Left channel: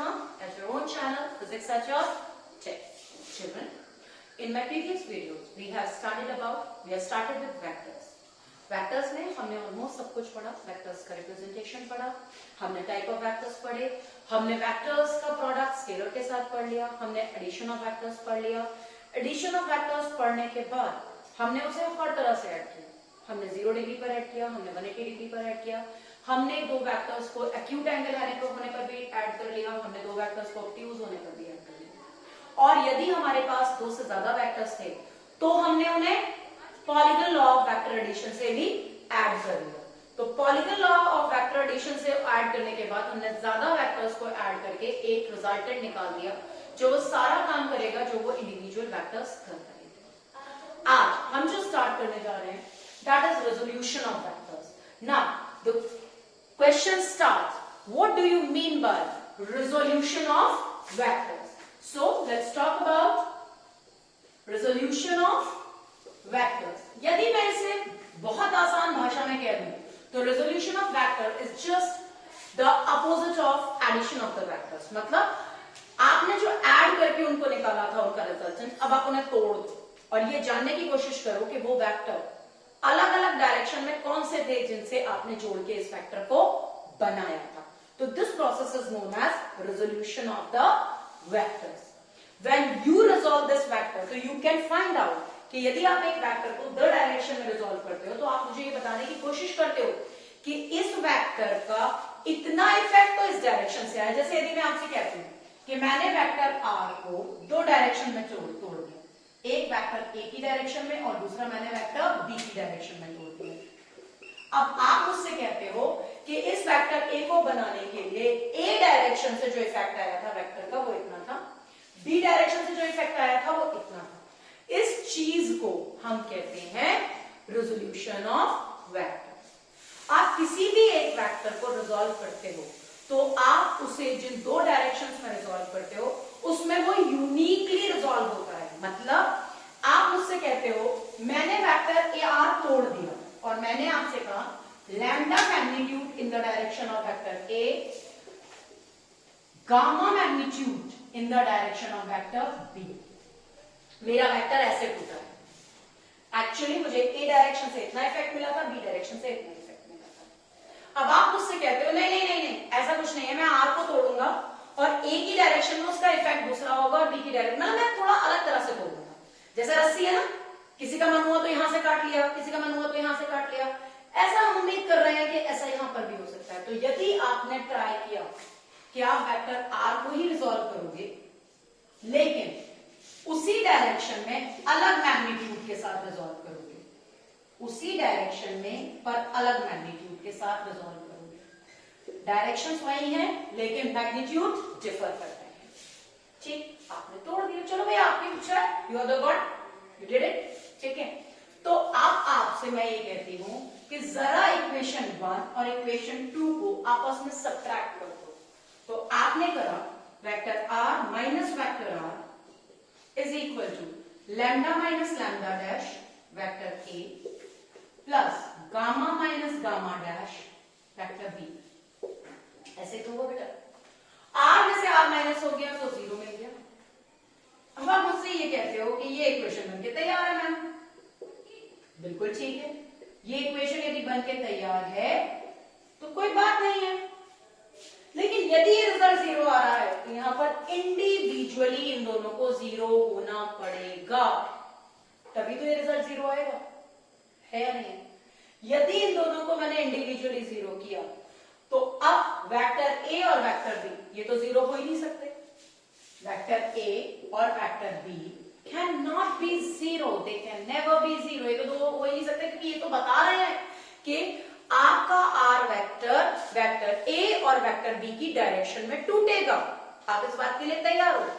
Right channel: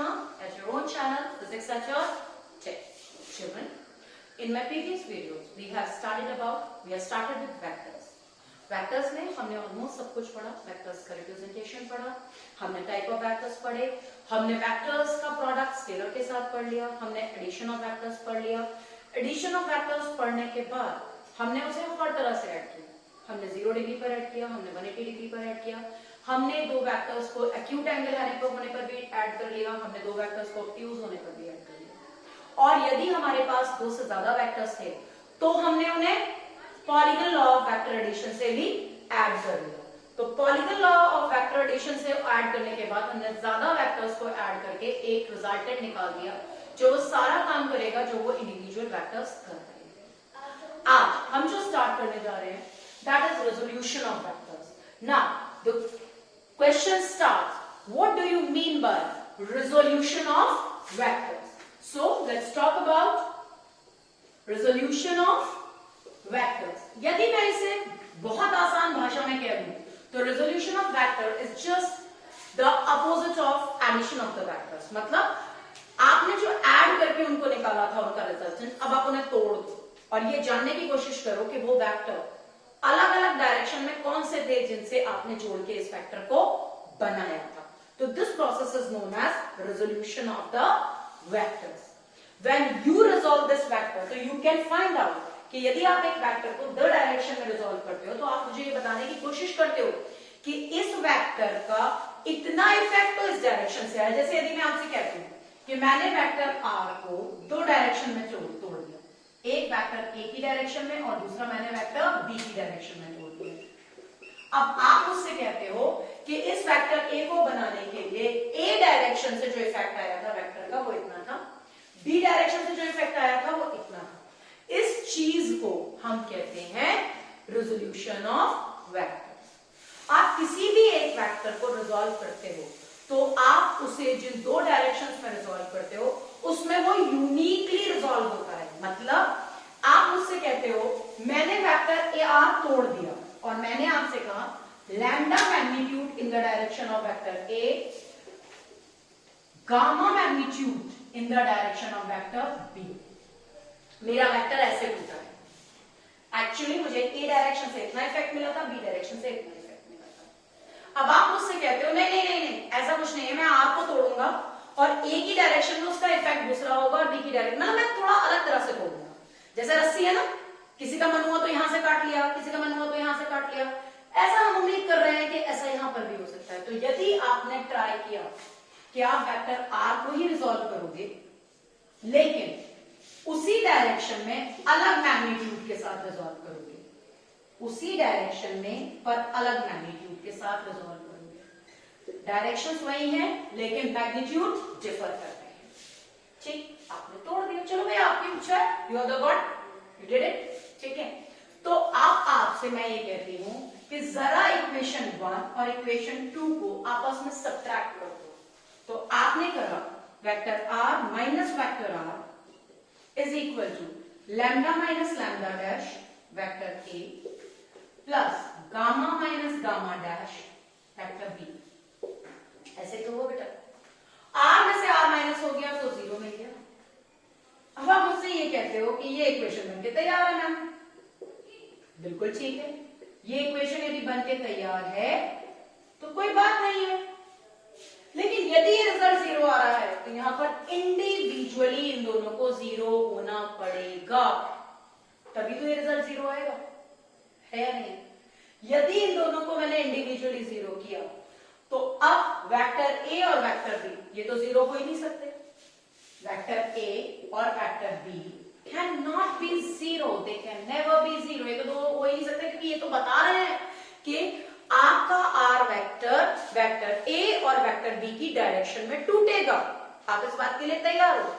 Sharma at your own channel, Physics at your Tech. Children, in my previous videos, we have started with vectors. Vectors में हमने almost सब कुछ पढ़ा, vectors का representation पढ़ा, हमने टाइप ऑफ वेक्टर्स पढ़े, हमने वेक्टर्स का प्रोडक्ट स्केलर के साथ पढ़ लिया, हमने एडिशन ऑफ वेक्टर्स पढ़ लिया। एडिशन ऑफ वेक्टर्स पढ़ने के बाद हमने उसे हर तरह से ऐड किया। हमने 0 डिग्री पर ऐड किया, हमने 180 डिग्री पर ऐड किया, हमने दो वेक्टर्स को एक्यूट एंगल होने पर भी ऐड कर लिया, हमने दो वेक्टर्स को ऑब्ट्यूज होने पर भी ऐड कर लिया। और यदि हमारे पास दो से ज्यादा वेक्टर्स थे तो हमने उन्हें polygon law of vector addition से भी ऐड कर लिया। तो polygon law of vector addition से ऐड करने के बाद हमने ज्यादा वेक्टर्स को ऐड करके एक रिजल्टेंट निकाल दिया जो सारा काम करेगा जो वो इंडिविजुअल वेक्टर्स कर रहे हैं। आज हम जो स्टार्ट करने जा रहे हैं that is resolution of vectors. Now the question starts, what do you mean by resolution of vectors? So let's talk about resolution of vectors. यदि मैं इसे बहुत आसान भाषा में कह दूं तो resolution of vector is just the opposite of addition of the vectors. मतलब आपने जो ऐड करके उनको निकाला था उनका रिजल्टेंट, अब आप उन्हें तोड़ दो और ये जानने की कोशिश करो कि वो वेक्टर अलग अलग डायरेक्शन में कौन से थे जिनसे आपने जोड़ के इस वेक्टर को बनाया था। तो this process is known as resolution of the vectors. When you resolve this vector तो यू कैन फाइंड आउट कि यदि आप एक वेक्टर को दो डायरेक्शन में रिजॉल्व करते हो तो आप मुझे ये बताने की कोशिश करते हो कि इस वेक्टर का इतना इफेक्ट तो इस डायरेक्शन से आया। जैसे यदि मैं आपसे कहती हूँ कि मैंने वेक्टर आर को दो डायरेक्शन में तोड़ दिया, एक वेक्टर ए की डायरेक्शन में और दूसरा मैंने वेक्टर बी की डायरेक्शन में तोड़ दिया। अब आप मुझसे कहते हो कि इस वेक्टर ए को बनाने के लिए ए डायरेक्शन से जो इफेक्ट आया था वेक्टर का वो इतना था, बी डायरेक्शन से जो इफेक्ट आया था वो इतना था। इस चीज को हम कहते हैं रिजोल्यूशन ऑफ वेक्टर्स। आप किसी भी एक वेक्टर को रिजॉल्व करते हो तो आप उसे जिन दो डायरेक्शंस में रिजॉल्व करते हो उसमें वो यूनिकली रिजॉल्व होता है। मतलब आप मुझसे कहते हो मैंने वेक्टर ए आर तोड़ दिया और मैंने आपसे कहा lambda magnitude in the direction of vector A, gamma magnitude in the direction of vector B. मेरा वेक्टर ऐसे टूटा है। एक्चुअली मुझे ए डायरेक्शन से इतना इफेक्ट मिला था, बी डायरेक्शन से इतना इफेक्ट मिला था। अब आप मुझसे कहते हो नहीं नहीं नहीं नहीं ऐसा कुछ नहीं है, मैं आर को तोड़ूंगा और ए की डायरेक्शन में उसका इफेक्ट दूसरा होगा और बी की डायरेक्शन मतलब मैं थोड़ा अलग तरह से तोड़ूंगा। जैसे रस्सी है ना, किसी का मन हुआ तो यहां से काट लिया, किसी का मन हुआ तो यहां से काट लिया। ऐसा हम उम्मीद कर रहे हैं कि ऐसा यहां पर भी हो सकता है। तो यदि आपने ट्राई किया कि आप वेक्टर आर को ही रिजॉल्व करोगे लेकिन उसी डायरेक्शन में अलग मैग्नीट्यूड के साथ रिजॉल्व करोगे, उसी डायरेक्शन में पर अलग मैग्नीट्यूड के साथ रिजॉल्व करोगे, डायरेक्शंस वही हैं लेकिन मैग्नीट्यूड डिफर कर रहे हैं। ठीक, आपने तोड़ दिया, चलो भाई आपकी इच्छा है, you are the god, you did it. ठीक है, तो अब आपसे मैं ये कहती हूं कि जरा इक्वेशन 1 और इक्वेशन 2 को आपस में सब्ट्रैक्ट कर दो। तो आपने करा vector R minus vector R is equal to lambda minus lambda dash vector A plus gamma minus gamma dash vector B. ऐसे तो हुआ बेटा, आर में से आर माइनस हो गया तो 0 मिल गया। अब आप मुझसे ये कहते हो कि ये इक्वेशन बनके तैयार है मैम, बिल्कुल ठीक है। ये इक्वेशन यदि बनके तैयार है तो कोई बात नहीं है, लेकिन यदि ये रिजल्ट 0 आ रहा है तो यहां पर इंडिविजुअली इन दोनों को 0 होना पड़ेगा, तभी तो ये रिजल्ट 0 आएगा, है या नहीं? यदि इन दोनों को मैंने इंडिविजुअली 0 किया तो अब वेक्टर ए और वेक्टर बी ये तो 0 हो ही नहीं सकते। वेक्टर ए और vector B cannot be 0, they can never be 0। ये तो दो हो ही नहीं सकते क्योंकि ये तो बता रहे हैं कि आपका आर वेक्टर वेक्टर ए और वेक्टर बी की डायरेक्शन में टूटेगा। आप इस बात के लिए तैयार हो।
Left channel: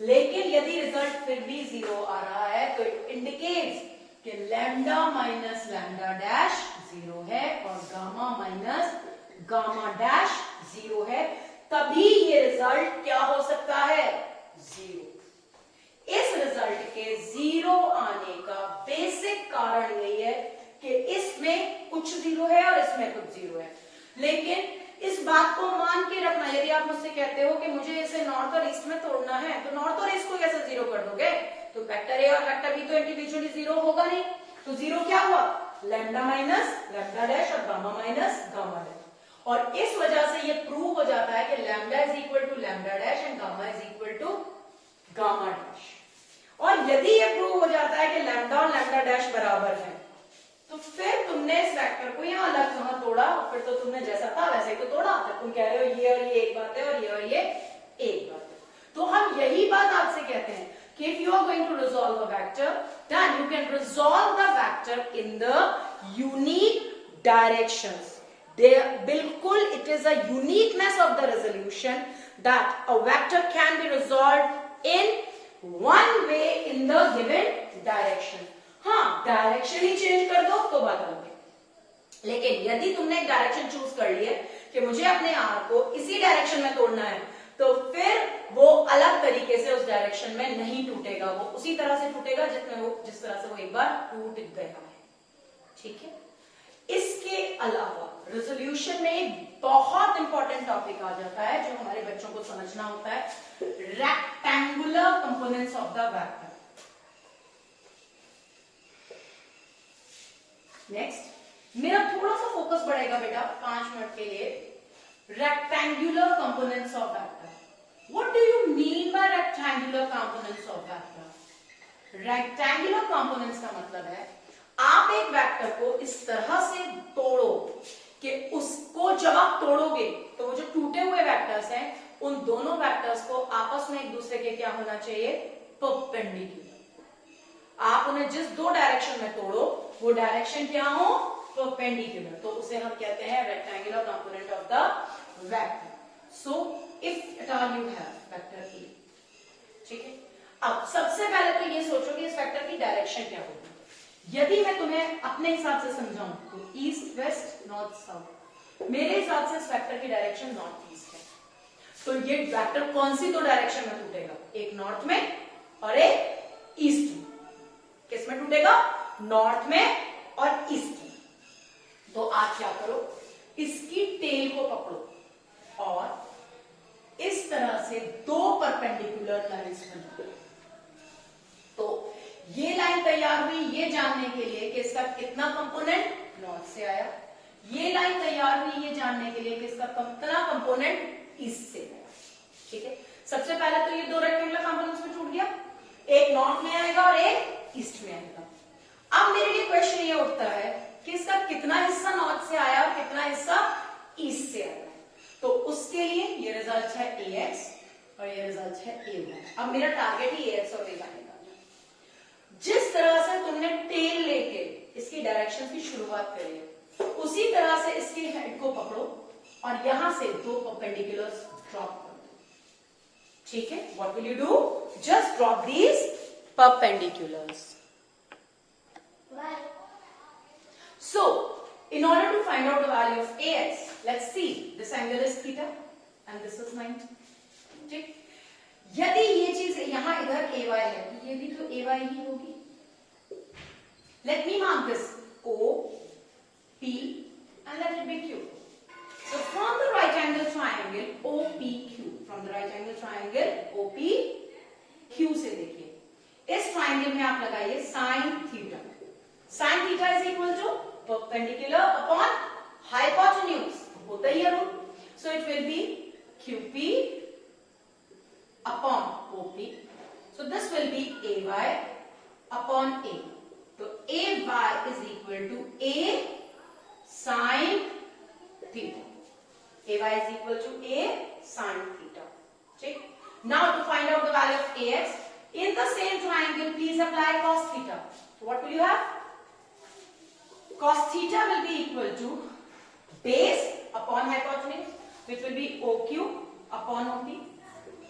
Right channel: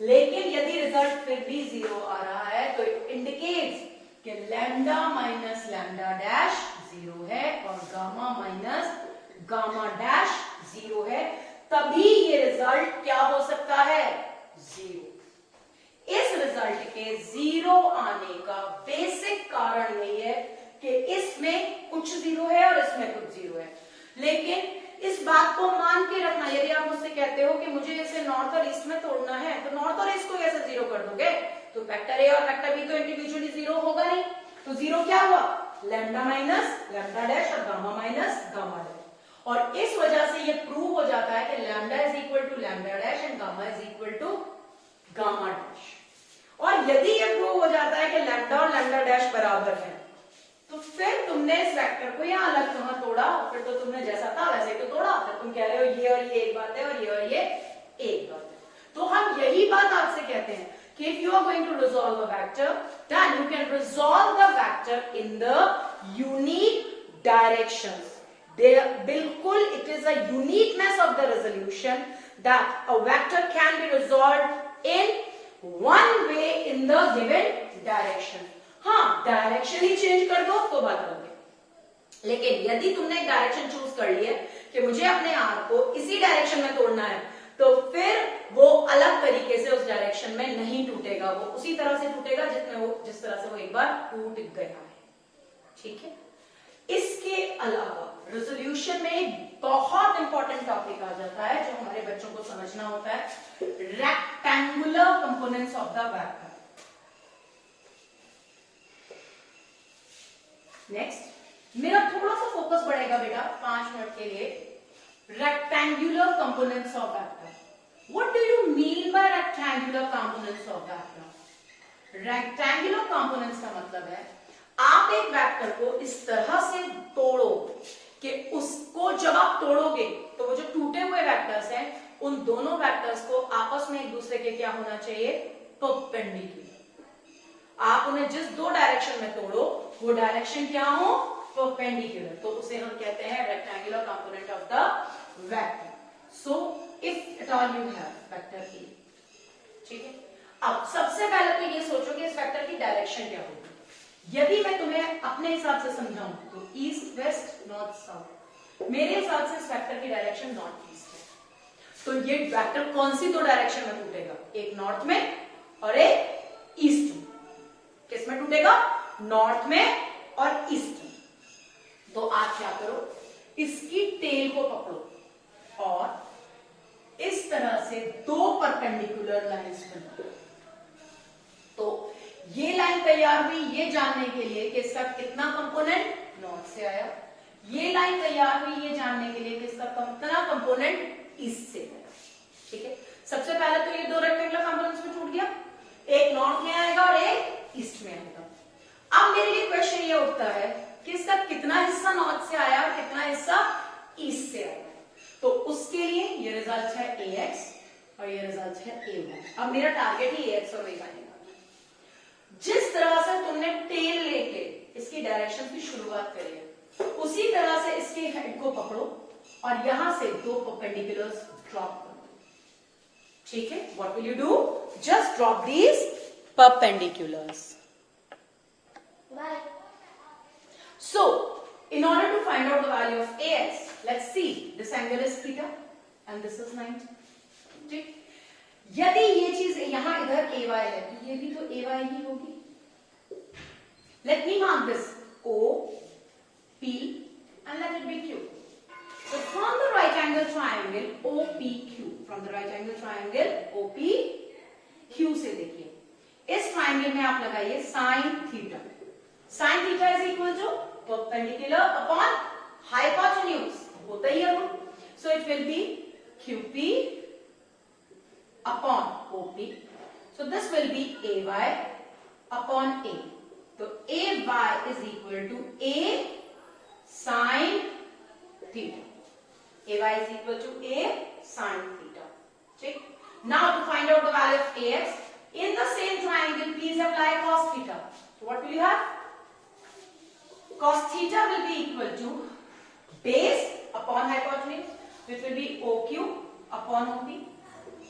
लेकिन यदि रिजल्ट फिर भी 0 आ रहा है तो इट इंडिकेट्स कि लैम्डा माइनस लैम्डा डैश 0 है और गामा माइनस गामा डैश 0 है, तभी ये रिजल्ट क्या हो सकता है? 0। इस रिजल्ट के 0 आने का बेसिक कारण यही है कि इसमें कुछ 0 है और इसमें कुछ 0 है, लेकिन इस बात को मान के रखना, यदि आप मुझसे कहते हो कि मुझे इसे नॉर्थ और ईस्ट में तोड़ना है, तो नॉर्थ और ईस्ट को कैसे जीरो कर दोगे? तो वेक्टर ए और वेक्टर बी तो इंडिविजुअली जीरो होगा नहीं, तो जीरो क्या हुआ? लैम्डा माइनस लैम्डा डैश और गामा माइनस गामा डैश। और इस वजह से ये प्रूव हो जाता है कि lambda is equal to lambda dash and gamma is equal to gamma dash. और यदि ये प्रूव हो जाता है कि लैम्डा और लैम्डा डैश बराबर है, तो फिर तुमने इस वेक्टर को यहाँ अलग कहाँ तोड़ा? फिर तो तुमने जैसा था वैसे ही तो तोड़ा। फिर तुम कह रहे हो ये और ये एक बात है और ये एक बात है। तो हम यही बात आपसे कहते हैं कि if you are going to resolve a vector, then you can resolve the vector in the unique directions. बिल्कुल it is a uniqueness of the resolution that a vector can be resolved in one way in the given direction. हाँ, direction ही change कर दो तो बात अलग है। लेकिन यदि तुमने एक डायरेक्शन चूज कर ली है कि मुझे अपने आर को इसी डायरेक्शन में तोड़ना है, तो फिर वो अलग तरीके से उस डायरेक्शन में नहीं टूटेगा, वो उसी तरह से टूटेगा जिस तरह से वो एक बार टूट गया है। ठीक है। इसके अलावा रेजोल्यूशन में एक बहुत इंपॉर्टेंट टॉपिक आ जाता है जो हमारे बच्चों को समझना होता है, rectangular components of the vector. Next, मेरा थोड़ा सा फोकस बढ़ेगा बेटा 5 मिनट के लिए। Rectangular components of vector, what do you mean by rectangular components of vector? Rectangular components का मतलब है आप एक वेक्टर को इस तरह से तोड़ो कि उसको जब आप तोड़ोगे तो वो जो टूटे हुए वेक्टर्स हैं उन दोनों वेक्टर्स को आपस में एक दूसरे के क्या होना चाहिए? परपेंडिकुलर। आप उन्हें जिस दो डायरेक्शन में तोड़ो वो डायरेक्शन क्या हो? परपेंडिकुलर। तो उसे हम कहते हैं rectangular component of the vector. So if at all you have vector A, ठीक है। अब सबसे पहले तो ये सोचो कि इस वेक्टर की डायरेक्शन क्या होगी। यदि मैं तुम्हें अपने हिसाब से समझाऊं तो ईस्ट वेस्ट नॉर्थ साउथ, मेरे हिसाब से इस वेक्टर की डायरेक्शन नॉर्थ ईस्ट है। तो ये वेक्टर कौन सी दो डायरेक्शन में टूटेगा? एक नॉर्थ में और एक ईस्ट में। किसमें टूटेगा? नॉर्थ में और ईस्ट में। तो आप क्या करो, इसकी टेल को पकड़ो और इस तरह से दो परपेंडिकुलर लाइंस बनाओ। तो ये लाइन तैयार हुई ये जानने के लिए कि इसका कितना कंपोनेंट नॉर्थ से आया, ये लाइन तैयार हुई ये जानने के लिए कि इसका कितना कंपोनेंट ईस्ट से आया। ठीक है। सबसे पहले तो ये दो रेक्टेंगुलर कंपोनेंट्स में टूट गया, एक नॉर्थ में आएगा और एक ईस्ट में आएगा। अब मेरे लिए क्वेश्चन ये उठता है कि इसका कितना हिस्सा नॉर्थ से आया और कितना हिस्सा ईस्ट से आया। तो उसके लिए ये रिजल्ट है AX और ये रिजल्ट है AY। अब मेरा टारगेट ही AX और AY निकालना। जिस तरह से तुमने टेल लेके इसकी डायरेक्शन की शुरुआत करी है उसी तरह से इसके हेड को पकड़ो और यहां से दो परपेंडिकुलर्स ड्रॉप कर दो। ठीक है। What will you do? Just drop these perpendiculars. So, in order to find out the value of AX, let's see, this angle is theta and this is 90. ठीक। यदि ये चीज यहां इधर AY है तो ये भी तो AY ही होगी। Let me mark this O, P and let it be Q. So from the right angle triangle OPQ, from the right angle triangle OPQ से देखिए इस ट्राइंगल में आप लगाइए sin theta. sin theta is equal to perpendicular upon hypotenuse, होता ही है वो। So it will be QP upon OP। So this will be AY upon A। तो AY is equal to A sin theta. AY is equal to A sin theta. ठीक। Now to find out the value of AX, in the same triangle, please apply cos theta. So what will you have? Cos theta will be equal to base upon hypotenuse, which will be OQ upon OP.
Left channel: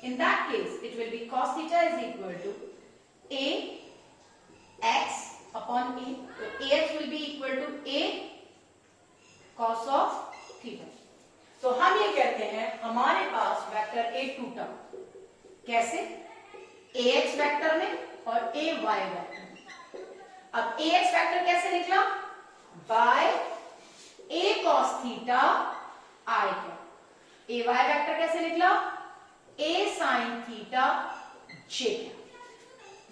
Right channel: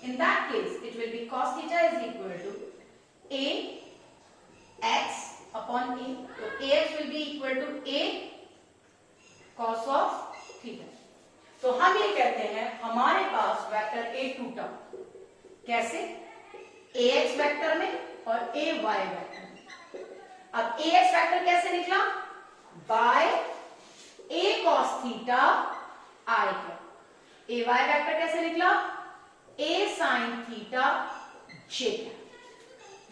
In that case, it will be cos theta is equal to A x upon A. So AX will be equal to A cos of theta. तो हम ये कहते हैं हमारे पास vector A टूटा, कैसे? AX vector में और AY वेक्टर में। अब AX वेक्टर कैसे निकला? By A cos theta I का। ए वाई वेक्टर कैसे निकला, ए साइन थीटा जे।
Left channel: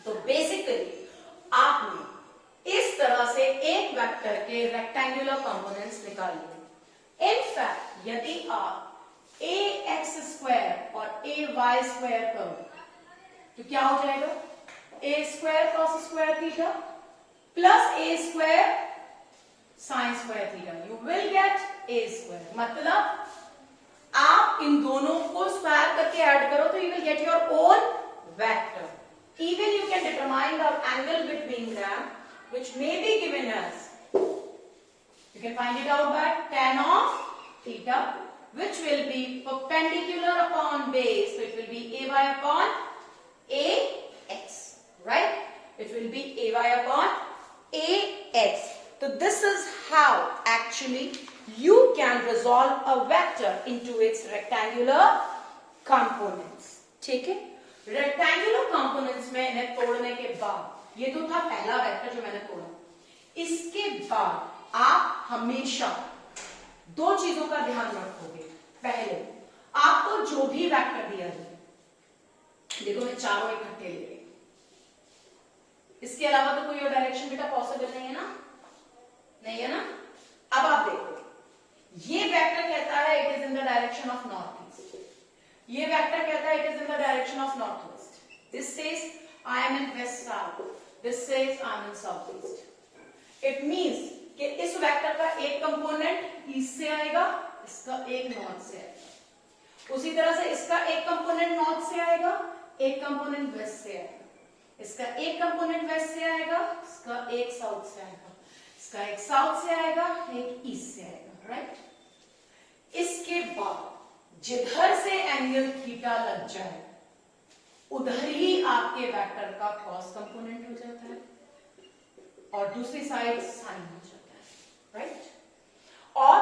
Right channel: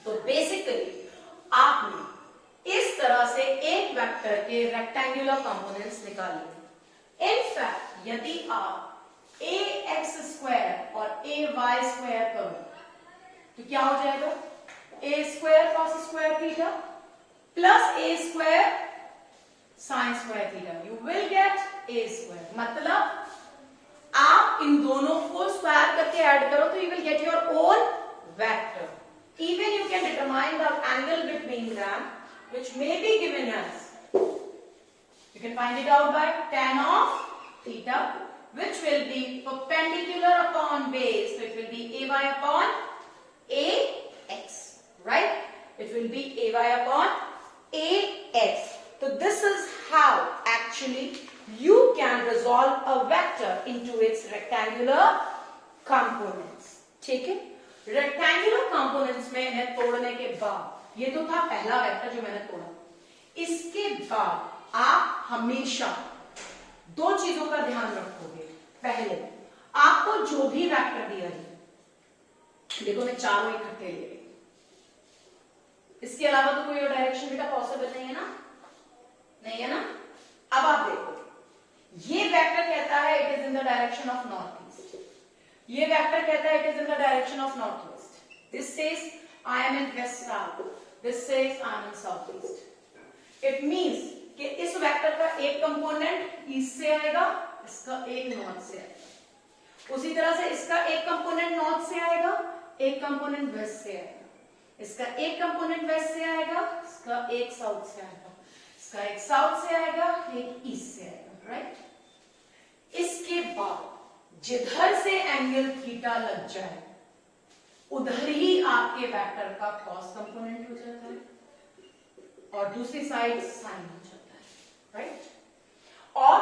तो बेसिकली आपने इस तरह से एक वेक्टर के रेक्टेंगुलर कंपोनेंट्स निकाल लिए। इनफैक्ट यदि आप ए एक्स स्क्वायर और ए वाई स्क्वायर करो तो क्या हो जाएगा, a square cos square theta plus a square sine square theta, you will get a square. मतलब आप इन दोनों को स्क्वायर करके ऐड करो तो you will get your own vector. Even you can determine the angle between them, which may be given as, you can find it out by tan of theta, which will be perpendicular upon base, so it will be ay upon ax, right? It will be ay upon ax. So this is how actually you can resolve a vector into its rectangular components. ठीक है? Rectangular components में इन्हें तोड़ने के बाद, ये तो था पहला वेक्टर जो मैंने तोड़ा, इसके बाद आप हमेशा दो चीजों का ध्यान रखोगे। पहले आपको जो भी वेक्टर दिया है, देखो मैं चारों इकट्ठे ले रही हूं, इसके अलावा तो कोई और डायरेक्शन बेटा पॉसिबल नहीं है ना, नहीं है ना। अब आप देखो, ये वेक्टर कहता है it is in the direction of north east, ये वेक्टर कहता है it is in the direction of north west, this says I am in west south, this says I am in south east. It means कि इस vector का एक component east से आएगा, इसका एक नॉर्थ से आएगा, उसी तरह से इसका एक कंपोनेंट नॉर्थ से आएगा, एक कंपोनेंट वेस्ट से आएगा, इसका एक कंपोनेंट वेस्ट से आएगा, इसका एक साउथ से आएगा, इसका एक साउथ से आएगा, एक ईस्ट से आएगा, राइट। इसके बाद जिधर से एंगल थीटा लग जाए उधर ही आपके वेक्टर का कॉस कंपोनेंट हो जाता है और दूसरी साइड साइन हो जाता है, राइट। और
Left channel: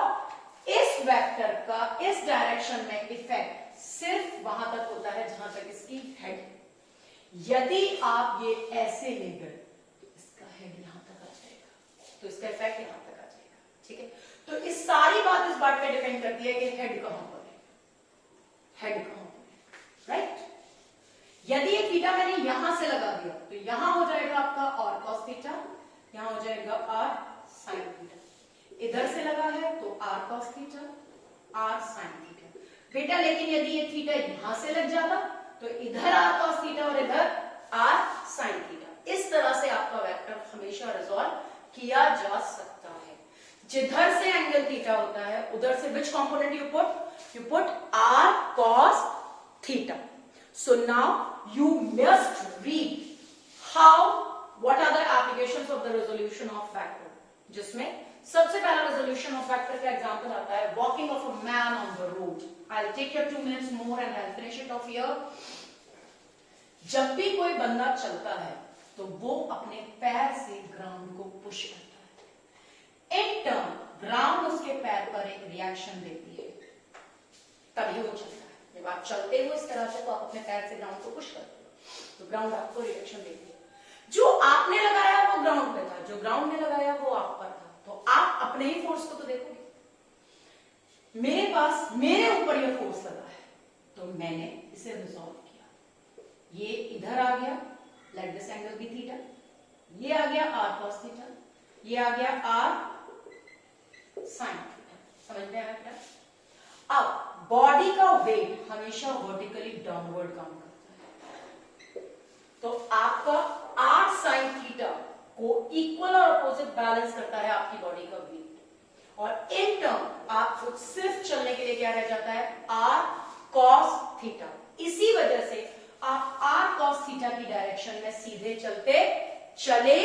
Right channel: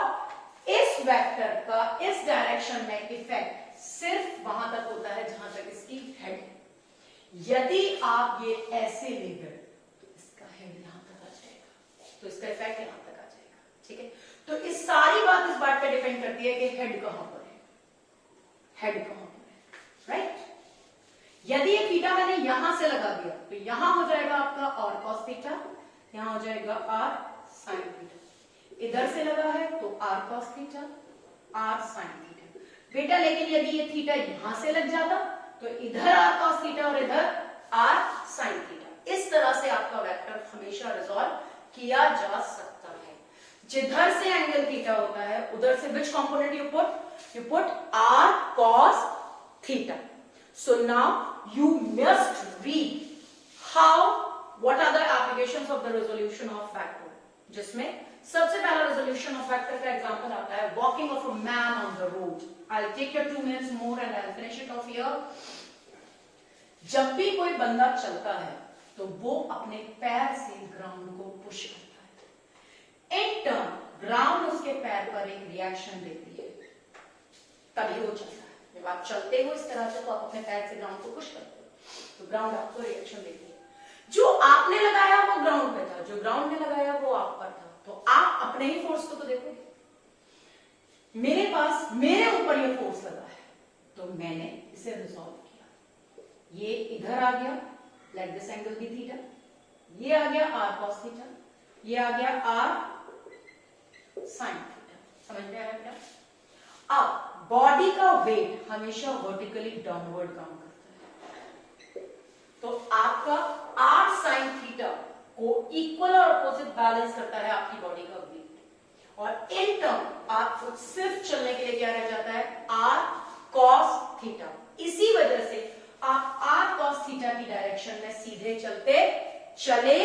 इस वेक्टर का इस डायरेक्शन में इफेक्ट सिर्फ वहां तक होता है जहां तक इसकी हेड। यदि आप ये ऐसे ले गए तो इसका हेड यहां तक आ जाएगा, तो इसका इफेक्ट यहां तक आ जाएगा, ठीक है। तो इस सारी बात इस बात पे डिपेंड करती है कि हेड कहां पर है, हेड कहां पर है, राइट। यदि ये थीटा मैंने यहां से लगा दिया तो यहां हो जाएगा आपका और कॉस थीटा, यहां हो जाएगा आर साइन थीटा। इधर से लगा है तो R cos theta, R sine theta. बेटा लेकिन यदि ये थीटा यहां से लग जाता तो इधर आर कॉस थीटा और इधर आर साइन थीटा। इस तरह से आपका वेक्टर हमेशा रिजॉल्व किया जा सकता है। जिधर से एंगल थीटा होता है उधर से विच component you put r cos theta. So now you must read what are the applications of the resolution of vector, जिसमें सबसे पहला resolution of vector का एग्जांपल आता है walking of a man on the road. I'll take your 2 minutes more and I'll finish it off here. जब भी कोई बंदा चलता है तो वो अपने पैर से ग्राउंड को पुश करता है, इन टर्न ग्राउंड उसके पैर पर एक रिएक्शन देती है, तभी वो चलता है। जब आप चलते हो इस तरह से तो आप अपने पैर से ग्राउंड को पुश करते हो तो ग्राउंड आपको रिएक्शन देती है। जो आपने लगाया वो ग्राउंड पे था, जो ग्राउंड ने लगाया वो आप पर था, तो आप अपने ही फोर्स को तो देखोगे। मेरे पास मेरे ऊपर ये फोर्स लगा है तो मैंने इसे रिजॉल्व किया, ये इधर आ गया, let this angle be theta, ये आ गया आर कॉस थीटा, ये आ गया आर साइन थीटा। समझ में आया बेटा? अब बॉडी का वेट हमेशा वर्टिकली डाउनवर्ड काम करता है, तो आपका आर साइन थीटा को इक्वल और अपोजिट बैलेंस करता है आपकी बॉडी का वेट, और इन टर्म आपको सिर्फ चलने के लिए क्या रह जाता है, आर कॉस थीटा। इसी वजह से आप आर कॉस थीटा की डायरेक्शन में सीधे चले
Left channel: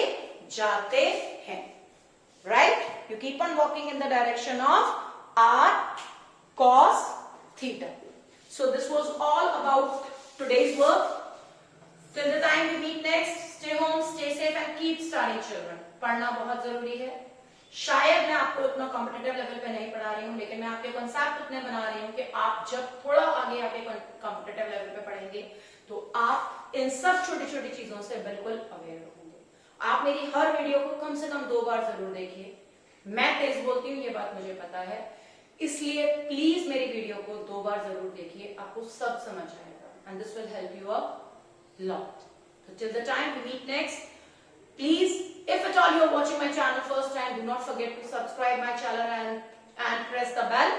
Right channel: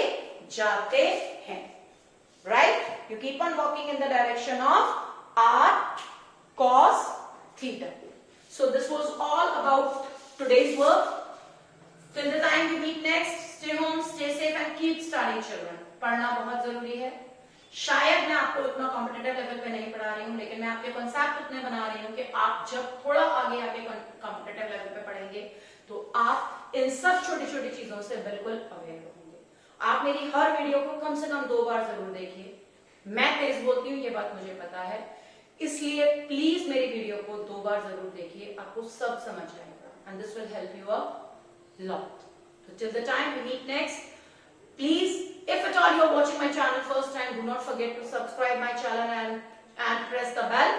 जाते हैं, right. You keep on walking in the direction of R cos theta. So this was all about today's work. Till the time we meet next, stay home, stay safe and keep studying children. पढ़ना बहुत जरूरी है। शायद मैं आपको इतना competitive level पे नहीं पढ़ा रही हूँ, लेकिन मैं आपके कॉन्सेप्ट इतने बना रही हूँ कि आप जब थोड़ा आगे आके कॉम्पिटिटिव लेवल पे पढ़ेंगे तो आप इन सब छोटी छोटी चीजों से बिल्कुल अवेयर होंगे। आप मेरी हर वीडियो को कम से कम 2 बार जरूर देखिए। मैं तेज बोलती हूँ, ये बात मुझे पता है, इसलिए प्लीज मेरी वीडियो को 2 बार जरूर देखिए, आपको सब समझ आएगा and this will help you a lot. So till the time we meet next, please, if at all you are watching my channel first time, do not forget to subscribe my channel and press the bell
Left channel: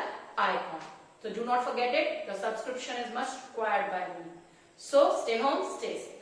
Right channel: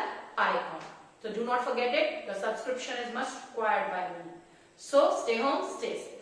icon. So do not forget it. The subscription is much required by me. So stay home, stay safe.